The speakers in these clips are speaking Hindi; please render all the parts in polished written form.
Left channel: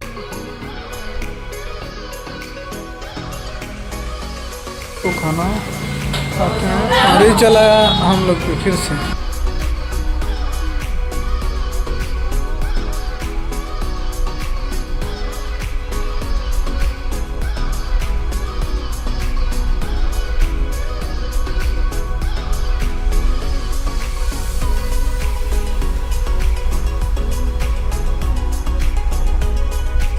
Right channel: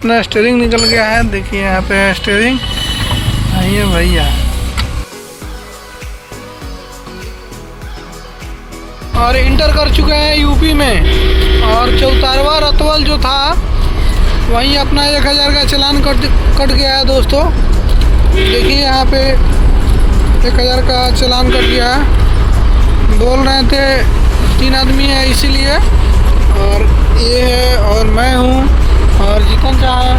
अपना स्टीयरिंग निकल गया है। देखिए यहाँ पे स्टीयरिंग आइए भैया तो खाना खाते हैं। और ये चला हम लोग को फिर से और इंटर कर चुके हैं यूपी में। और चौतारवा रतवल जो था वहीं अपना 1000 का चालान कट गया है दोस्तों। देखिए यहाँ पे 1000 का चालान कट गया है। बोल रहे थे 3 आदमी है इसीलिए। और ये है और मैं हूँ और जीतन चाह है।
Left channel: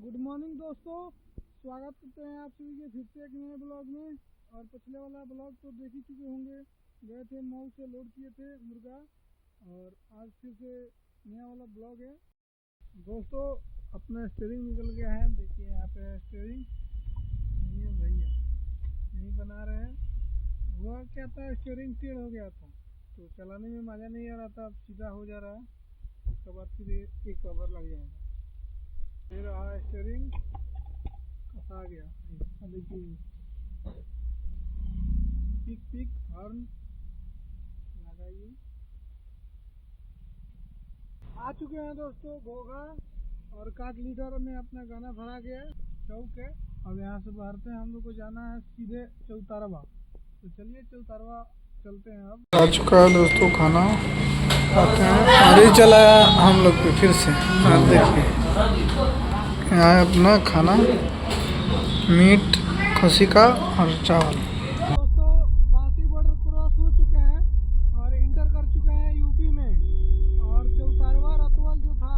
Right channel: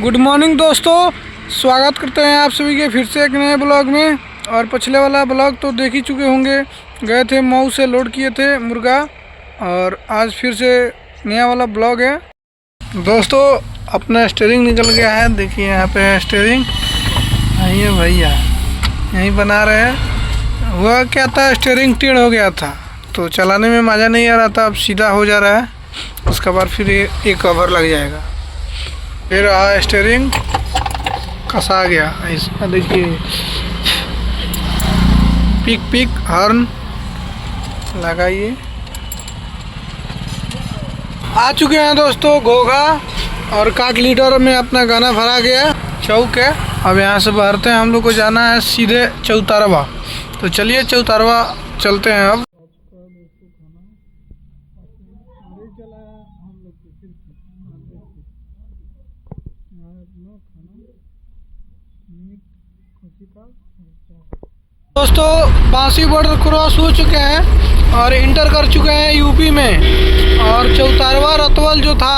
गुड मॉर्निंग दोस्तों, स्वागत करते हैं आप सभी के फिर से एक नए ब्लॉग में। और पिछले वाला ब्लॉग तो देख ही चुके होंगे, गए थे मऊ से लोड किए थे मुर्गा। और आज फिर से नया वाला ब्लॉग है दोस्तों। अपना स्टीयरिंग निकल गया है। देखिए यहाँ पे स्टीयरिंग आइए भैया यहीं बना रहे हैं। हुआ क्या था, स्टीयरिंग टेढ़ हो गया था तो चलाने में मज़ा नहीं आ रहा था। अब सीधा हो जा रहा है, उसके बाद फिर एक कवर लग जाएगा। फिर स्टीयरिंग कसा गया ऐसा। देखिए पिक हॉर्न लगाइए। आ चुके हैं दोस्तों घोघा और काट लीटर में अपना गाना भरा गया चौक है। अब यहाँ से भरते हैं, हम लोग को जाना है सीधे चौतारवा। तो चलिए चौतारवा चलते हैं। अब आ चुका है दोस्तों खाना खाते हैं। और ये चला हम लोग पे फिर से। आप देखिए यहाँ अपना खाना मीट खसी का और चावल। दोस्तों बांसी बॉर्डर क्रॉस हो चुके हैं और इंटर कर चुके हैं यूपी में। और चौतारवा रतवल जो था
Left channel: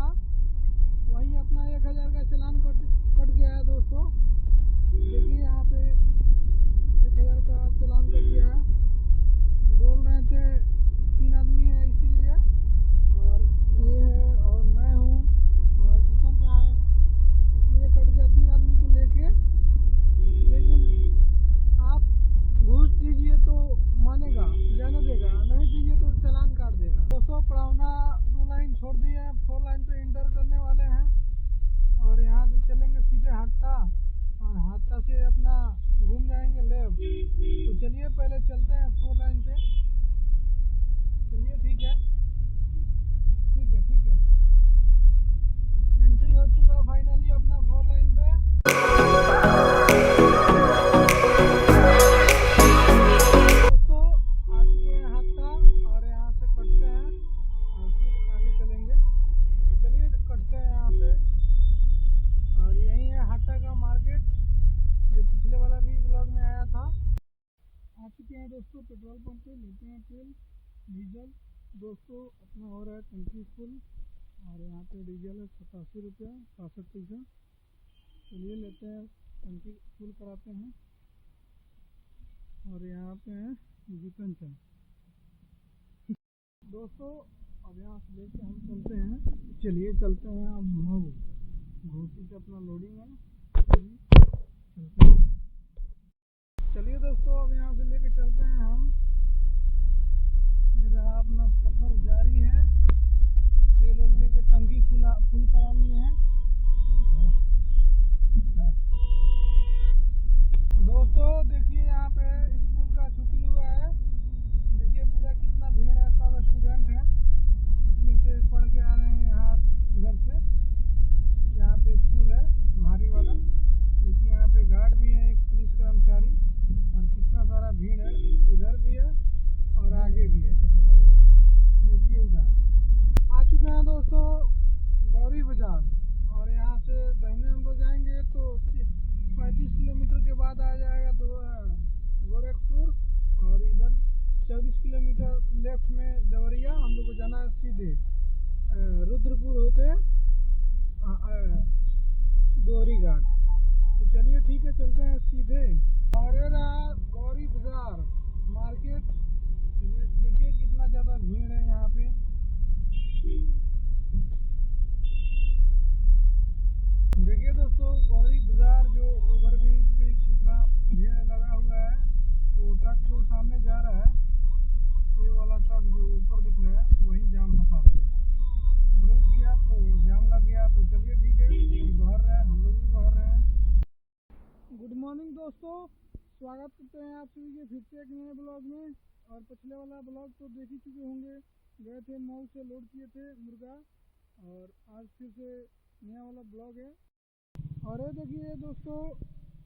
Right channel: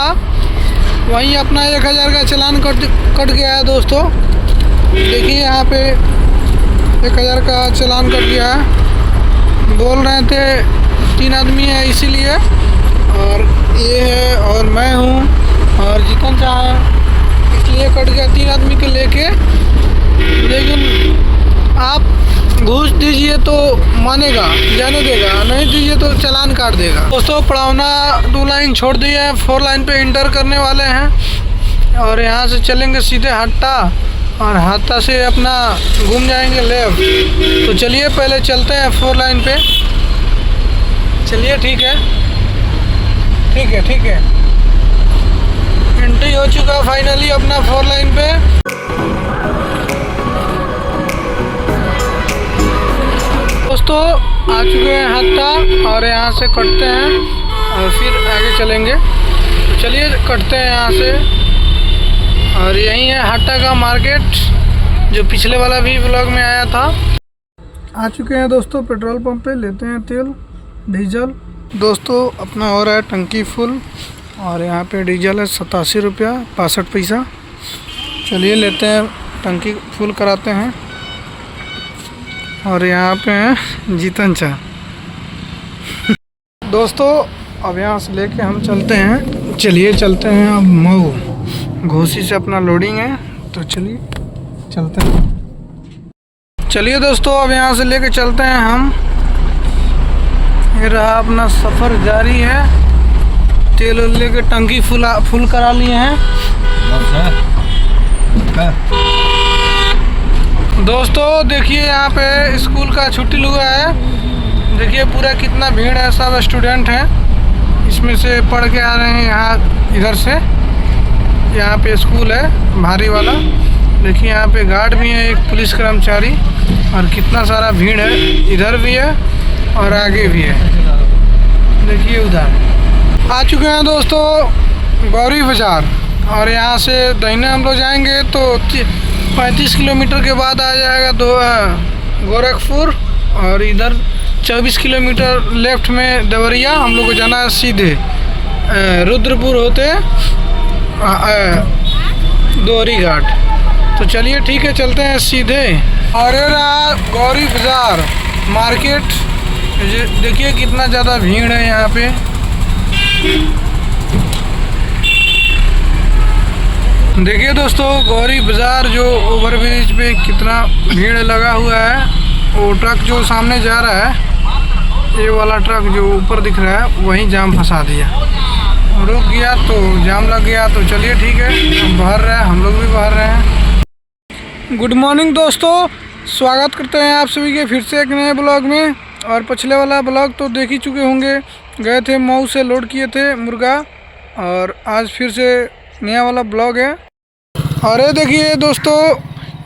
वहीं अपना 1000 का चालान कट गया है दोस्तों। देखिए यहाँ पे 1000 का चालान कट गया है। बोल रहे थे 3 आदमी है इसीलिए। और ये है और मैं हूँ और जीतन चाह है इसलिए कट गया 3 आदमी को लेके। लेकिन आप घूस दीजिए तो मानेगा, जाने देगा, नहीं दीजिए तो चालान काट देगा। दोस्तों पड़ावना 2 लाइन छोड़ दिए हैं, 4 लाइन पे इंटर करने वाले हैं। और यहाँ से चलेंगे सीधे हट्टा और हट्टा से अपना घूम जाएंगे लेफ्ट। तो चलिए पहले चलते हैं 4 लाइन पे। चलिए ठीक है एंट्री हो चुका फाइनली अपना 4 लाइन पे। दोस्तों आ चुके हैं हट्टा और यहाँ से कटते हैं और फिर आगे चलेंगे। तो चलिए कटते हैं यहाँ से। और यही है हट्टा का मार्केट जो पिछले वाला भी ब्लॉग में आया था। आ चुके हैं दोस्तों पेट्रोल पंप पे, लेते हैं तेल डीजल। दोस्तों अपना हो रहा है टंकी फुल और यहाँ पे डीजल है 87 रुपया 65 पैसा। चलिए लेते हैं टंकी फुल कराते हैं। और यहाँ पे हैं जीतन चाह। दोस्तों अब यहाँ से लेके हम चलते हैं। चलिए चलते हैं अब मऊ। घोसी से अपना लोडिंग है तो चलिए चलते हैं। चलिए दोस्तों अब यहाँ से लेके चलते हैं हम। ये रहा अपना सफ़र जारी है। तेल लेके टंकी फुल करा लिए हैं। दोस्तों देखिए यहाँ पे स्कूल का छुट्टी हुआ है। देखिए पूरा कितना भीड़ है, सब स्टूडेंट हैं इसमें से पढ़ के आ रहे हैं यहाँ इधर से। यहाँ पे स्कूल है भारी वाला। देखिए यहाँ पे गार्ड भी है, एक पुलिस कर्मचारी। और कितना सारा भीड़ है, इधर भी है और आगे भी है। देखिए उधर आ चुके हैं दोस्तों गौरी बाज़ार। और यहाँ से दाहिने हम लोग जाएंगे तो 35 किलोमीटर के बाद आ जाएगा गोरखपुर। और इधर 24 किलोमीटर लेफ्ट में देवरिया। हम लोग को जाना है सीधे रुद्रपुर होते दोहरी घाट। तो चलिए ठीक है चलते हैं सीधे। और ये रहा गौरी बाज़ार मार्केट। देखिए कितना ज़्यादा भीड़ है यहाँ पे। देखिए दोस्तों गौरी बाज़ार जो ओवरब्रिज पे कितना भीड़ लगा हुआ है। वो ट्रक जो सामने जा रहा है, ये वाला ट्रक जो ऊपर दिख रहा है, वहीं जाम फंसा दिया, रुक गया तो जाम लग गया। तो चलिए ठीक है हम बाहर रहे हैं, हम लोग भी बाहर रहे हैं। गुड मॉर्निंग दोस्तों, स्वागत करते हैं आप सभी के फिर से एक नए ब्लॉग में। और पिछले वाला ब्लॉग तो देख ही चुके होंगे, गए थे मऊ से लोड किए थे मुर्गा, और आज फिर से नया वाला ब्लॉग है। और ये देखिए दोस्तों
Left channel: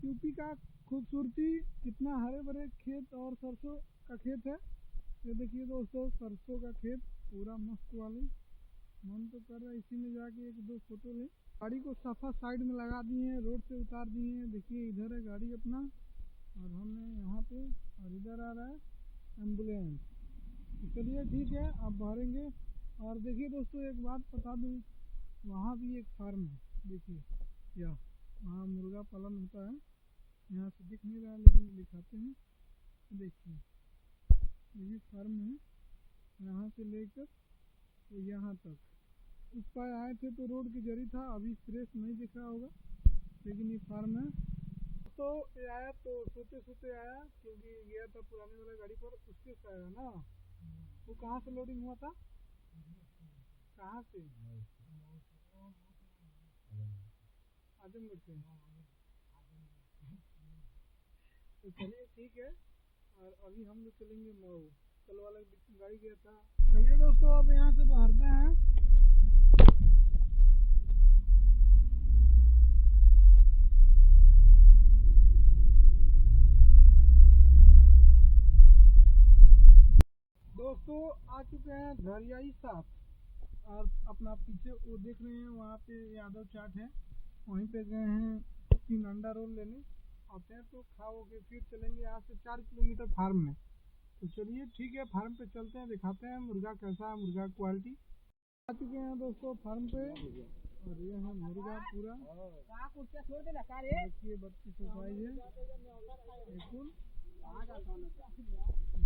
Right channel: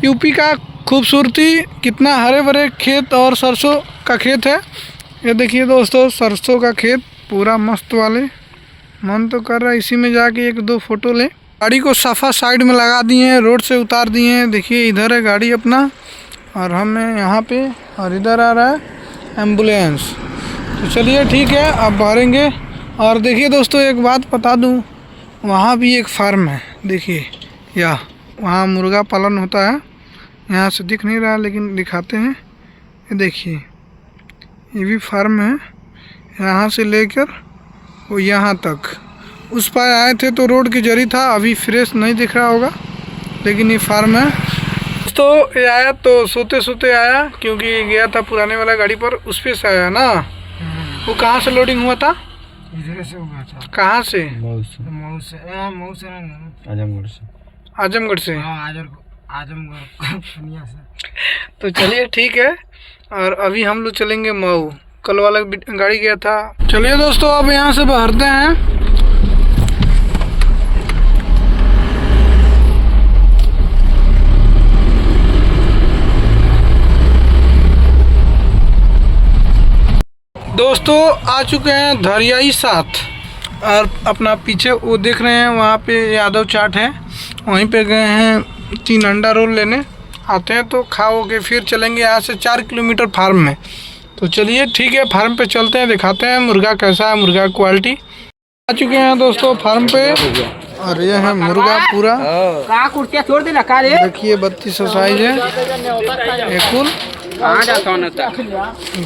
यूपी का खूबसूरती, कितना हरे भरे खेत और सरसों का खेत है। ये देखिए दोस्तों सरसों का खेत पूरा मस्त वाले, मन तो कर रहा है इसी में जाके एक दो फोटो लें। गाड़ी को सफ़ा साइड में लगा दिए हैं, रोड से उतार दिए हैं। देखिए इधर है गाड़ी अपना और हमें यहाँ पे, और इधर आ रहा है एम्बुलेंस। तो चलिए ठीक है अब भरेंगे। और देखिए दोस्तों एक बात बता दूँ, वहाँ भी एक फार्म है, देखिए या वहाँ मुर्गा पालन होता है। यहाँ से दिख नहीं रहा लेकिन दिखाते हैं, ये देखिए ये भी फार्म है। यहाँ से लेकर वो यहाँ तक, उस पार आए थे तो रोड की जरी था, अभी फ्रेश नहीं दिख रहा होगा लेकिन ये फार्म है। तो ये आया तो सोते सोते आया, क्योंकि गया था पुराने वाला गाड़ी पर, उस पे से आया ना। वो कहाँ से लोडिंग हुआ था? इधर से हुआ था। कहाँ से? मऊ से आजमगढ़ से। आजमगढ़ से? हाँ आजमगढ़ पूर्णिया से। तो चलिए ठीक है, और अभी हम लोग चलेंगे मऊ। कल वाला गाड़ी गया था। चलिए दोस्तों अब यहाँ से भरते हैं। दोस्तों आ चुके हैं धरियाई 7, और अपना पीछे वो देख रहे हैं वहाँ पे यादव चाट है, वहीं पे गए हैं 3 अंडा रोल लेने। आते हैं तो खाओगे, फिर चलेंगे यहाँ से 4 किलोमीटर फार्म में। तो चलिए ठीक है फार्म पे चलते हैं, दिखाते हैं मुर्गा कैसा है, मुर्गा क्वालिटी। आ चुके हैं दोस्तों फार्म पे, और ये है मुर्गा पूरा। देखिए 3200 साइज है ये कुल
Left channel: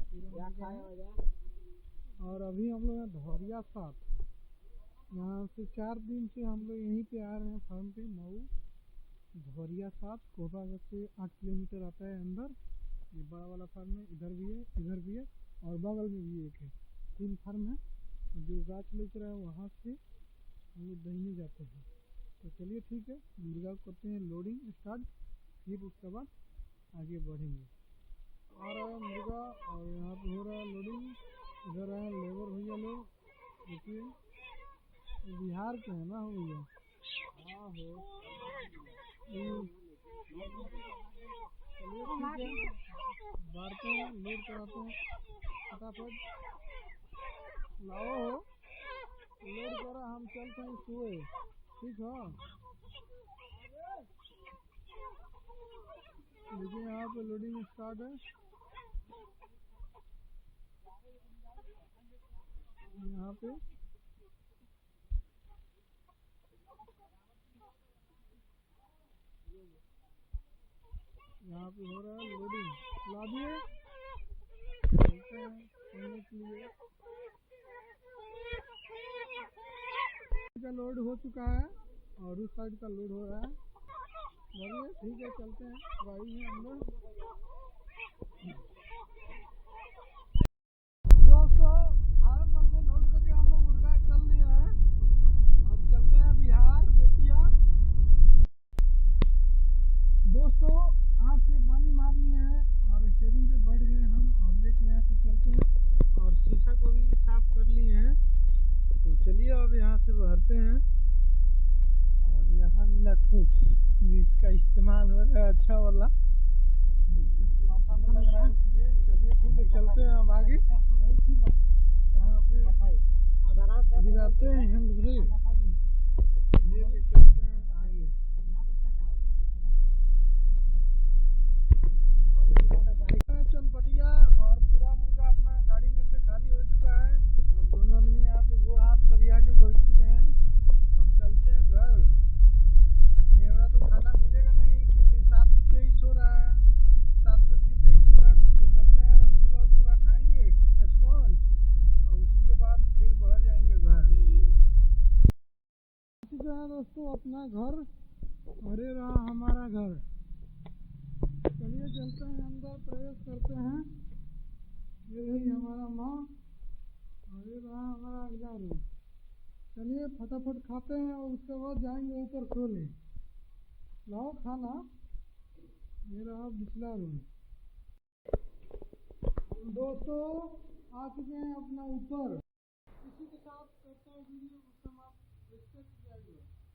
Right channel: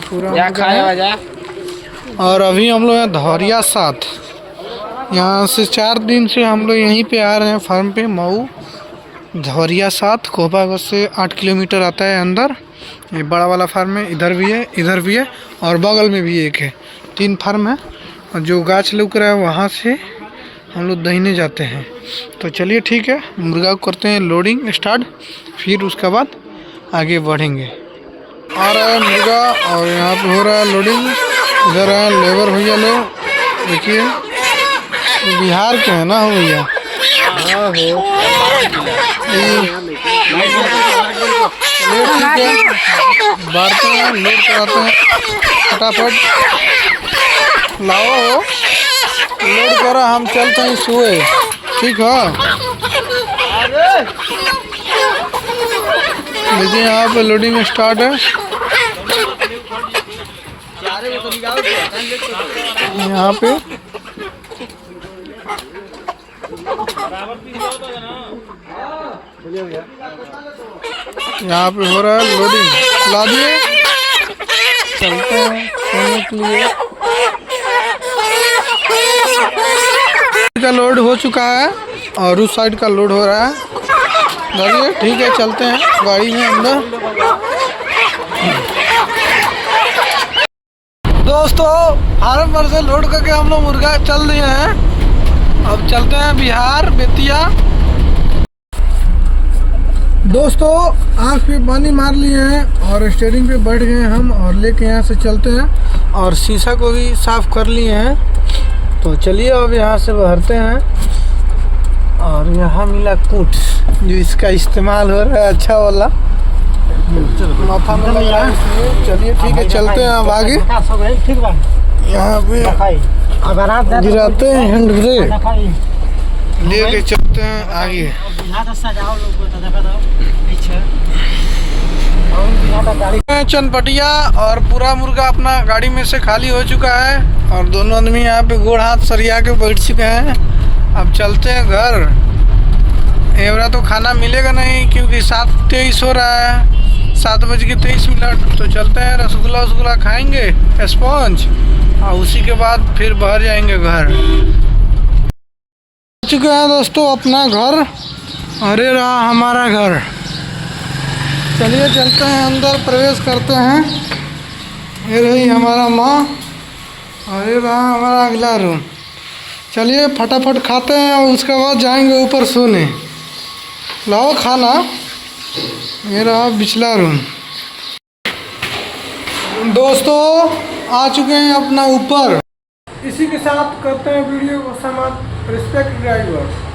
पूरा। और अभी हम लोग हैं धौरिया 7, यहाँ से 4 दिन से हम लोग यहीं पे आ रहे हैं फार्म पे मऊ। धौरिया 7 कोहबागंज से 8 किलोमीटर आता है अंदर। ये बड़ा वाला फार्म है, इधर भी है, इधर भी है, और बगल में भी एक है। 3 फार्म है, और जो गाछ लुक रहा है वहाँ से हम लोग दहीने जाते हैं। तो चलिए ठीक है मुर्गा को करते हैं लोडिंग स्टार्ट, फिर उसके बाद आगे बढ़ेंगे। आ रहा है मुर्गा और यहाँ पे हो रहा है लोडिंग। इधर है लेबर भैया लोग, देखिए बिहार के हैं ना हो भैया। बांटते हैं, लोड कराते हैं, फटाफट लाओ लोड करा, हम चलते हैं सुए। ठीक है देखिए यहाँ पे लोडिंग स्टार्ट है। यहाँ पे हो रहा है लोडिंग, ला दिए चलते हैं सोने के लिए। का लोड हो चुका है और उस साइड का लोड हो रहा है। चलिए ठीक है चलते हैं गाड़ी में अंदर। दोस्तों फार्म पर से लोड करके हम लोग मुर्गा चल दिए हैं, अब चलते हैं बिहार बेतिया। दोस्तों आँख पे पानी मार लिए हैं और स्टीयरिंग पे बैठ गए हम, और लेके यहाँ से चलते हैं, और शीशा को भी साफ कर लिए हैं। तो चलिए अब यहाँ से भरते हैं। और यहाँ मिला कूट, जो इसका इस्तेमाल हो रहा है अच्छा वाला, माथा में लग रहा है। चलिए ठीक है चलते हैं अब आगे। यहाँ पे गिराते हैं हैंड ब्रेक, लेके चलते हैं आगे। चनपटिया और पूरा मुर्गा अपना गाड़ी में से खाली हो चुका है, और दोनों आदमी यहाँ पे गोड़ हाथ सरिया के बैठ चुके हैं। अब चलते हैं घर। एवरा तो खाना मिलेगा नहीं क्योंकि 7:23 हो रहा है, 7:23। तो चलते हैं रसगुल्ला खाएंगे स्पॉन्ज, और उसी के बाद फिर बाहर जाएंगे घर। चुके हैं दोस्तों अपना घर, अरे रहा हमारा घर। चलिए चलते हैं अंदर, प्रवेश करते हैं। ये रही हमारा माँ, और ये रहा हमारा अगला रूम। चलिए फटाफट खाते हैं और उसके बाद जाएंगे ऊपर सोने। लाओ खाना। ये रहा पिछला रूम। दोस्तों आ चुके हैं अपना ऊपर, इसी के साथ करते हैं वीडियो को समाप्त। Respect driver.